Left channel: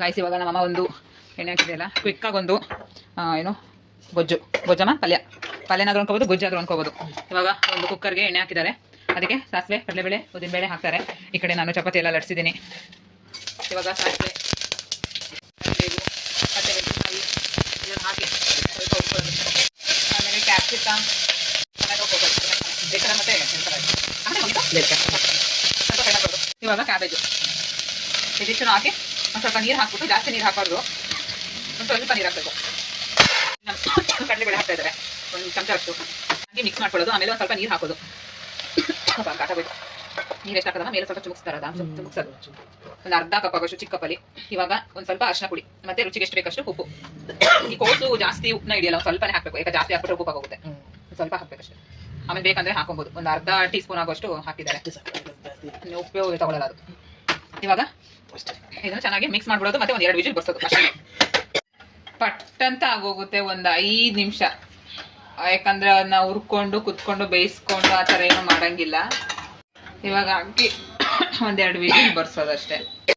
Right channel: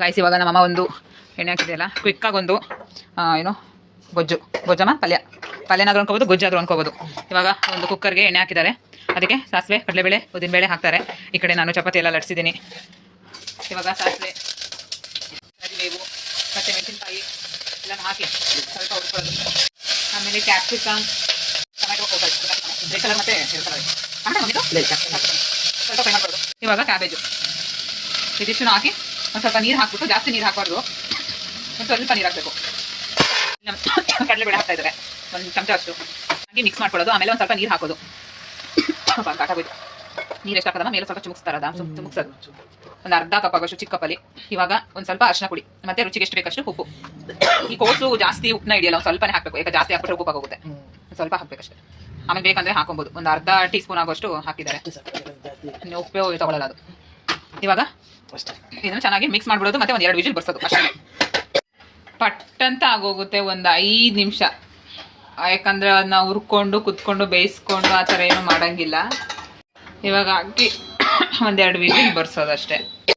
Guys ಇವಾಗ ನಮ್ಮಮ್ಮ ಒಂದು ಎಣ್ಣೆ ಹಾಕಿದೆಯಲ್ಲ ಕ್ವಿಕ್ಕಾಗಿ ಒಂದು ಏನು ಗೊಜ್ಜಮ್ಮ ಪಲ್ಯನಾದ್ರೂ ಅನ್ಕೋಬೋದು, ಗೊಜ್ಜಾದ್ರೂ ಅನ್ಕೋಬೋದು. ಇವಾಗ ಒಂದು ಕುಕ್ಕರ್ಗೆ ಎಣ್ಣೆ ಹಾಕಿದ್ದಾರೆ, ಅದಕ್ಕೆ ಸಾಸಿವೆ, ಕಡಲೆಬೇಳೆ, ಉದ್ದಿನಬೇಳೆ ಹಾಕ್ತಾರೆ. ಈ ಕಡೆ ನಾನು ಚಪಾತಿ ಎಲ್ಲ ಲಟ್ಸಿದ್ದೀನಿ. ಇವಾಗ ಸಾಸಿವೆ, ಬೇವು, ಮೆಣಸಿನಕಾಯಿ ಎಲ್ಲ ಹಾಕಿ ಸ್ವಲ್ಪ ಹುಡ್ಕೊಳ್ಳೋದು. ಆಮೇಲೆ ಕ್ಯಾಪ್ಸಿಕಮ್, ಟೊಮೆಟೊ ಬೇಕಲ್ಲ ಮತ್ತೆ ಸ್ವಲ್ಪ ಫ್ರೈ ಮಾಡ್ಕೊಳ್ಳೋದು. ಇವಾಗ ಕ್ಯಾಬೇಜು ಇದಿಷ್ಟು ಹಾಕಿ ಒಂದು ಸ್ವಲ್ಪ ನೀರು ಹಾಕ್ಬಿಟ್ಟು, ಜಾಸ್ತಿ ನೀರು ಹಾಕಬಾರ್ದು, ಒಂದು ಸ್ವಲ್ಪ ನೀರು ಹಾಕಬೇಕು. ಕಡಲೆಬೇಳೆ ಹಾಕ್ತಾ ಇದ್ದಾರೆ ಒಂದು ಚಮಚ ಅಷ್ಟು ಹಾಗೆ ಮಿಕ್ಸ್ ಮಾಡ್ಕೊಳ್ಳೋದು. ಆಮೇಲೆ ಒಂದು ಸ್ವಲ್ಪ ನೀರು ಹಾಕೋದು. ಕಾಟಾಗೋಯ್ತು. ನೀರು ಎಷ್ಟು ಹಾಕೋದಮ್ಮ ಮೇಲೆ ಸ್ವಲ್ಪ ಚುಮುಕ್ಸ್ತಾರದ ಚುಮುಕ್ಸೋದು. ಒಂದು ಅರ್ಧ ಕಪ್ ಆಗೋಷ್ಟು ಚಿಕ್ಕ ಕಪ್ಪಲ್ಲಿ. ಇವಾಗ ಒಂದು ಸ್ವಲ್ಪ ಅರಿಶಿನ ಪುಡಿ ಮತ್ತೆ ರುಚಿಗೆ ಎಷ್ಟು ಬೇಕಷ್ಟು ಉಪ್ಪು. ಈ ಕೋಸು ಜಾಸ್ತಿ ಉಪ್ಪನ್ನ ಹಿಡಿಯಲ್ಲ, ಒಂದು ಸ್ವಲ್ಪನೇ ಹಾಕಬೇಕು, ಯಾಕೆ ಜಾಸ್ತಿ ಹಾಕ್ಬಿಟ್ರೆ ಉಪ್ಪು ಆಗೋಗುತ್ತೆ. ಸ್ವಲ್ಪ ಹಾಕಬೇಕಷ್ಟೇ. ಆಮೇಲೆ ಬೇಕಂದ್ರೆ ಹಾಕೊಬೋದು. ಒಂದು ಅರ್ಧ ಟೀ ಸ್ಪೂನ್ ಆಗೋಷ್ಟು ಹಾಕಿದ್ದಾರೆ. ಉಪ್ಪು ತಗೊಳ್ಳಲ್ಲ ಅದು. ಇವಾಗ ಇದನ್ನು ಚೆನ್ನಾಗಿ ಮಿಕ್ಸ್ ಮಾಡ್ಬಿಡೋದು, ಮತ್ತೆ ಒಂದು 2 ವಿಜಿಲ್ ಬರ್ಸೋದು ಅಷ್ಟೇ. ಪಟ್ಟಂತ ಆಗೋಗುತ್ತೆ ಒಂದು 5 ನಿಮಿಷ. ಯಾಕಂದ್ರೆ ಅದನ್ನ ಹುರ್ಕೊಂಡು ಕುತ್ಕೊಂಡು ಬೇಯಿಸ್ಕೊಂಡು ಆ ಥರ ಏನೂ ಮಾಡಂಗಿಲ್ಲ. ಇವಾಗ ಹಾಕಿ 1-2 ವಿಜಿಲ್ ಬರ್ಸೋದು ಅಷ್ಟೇ.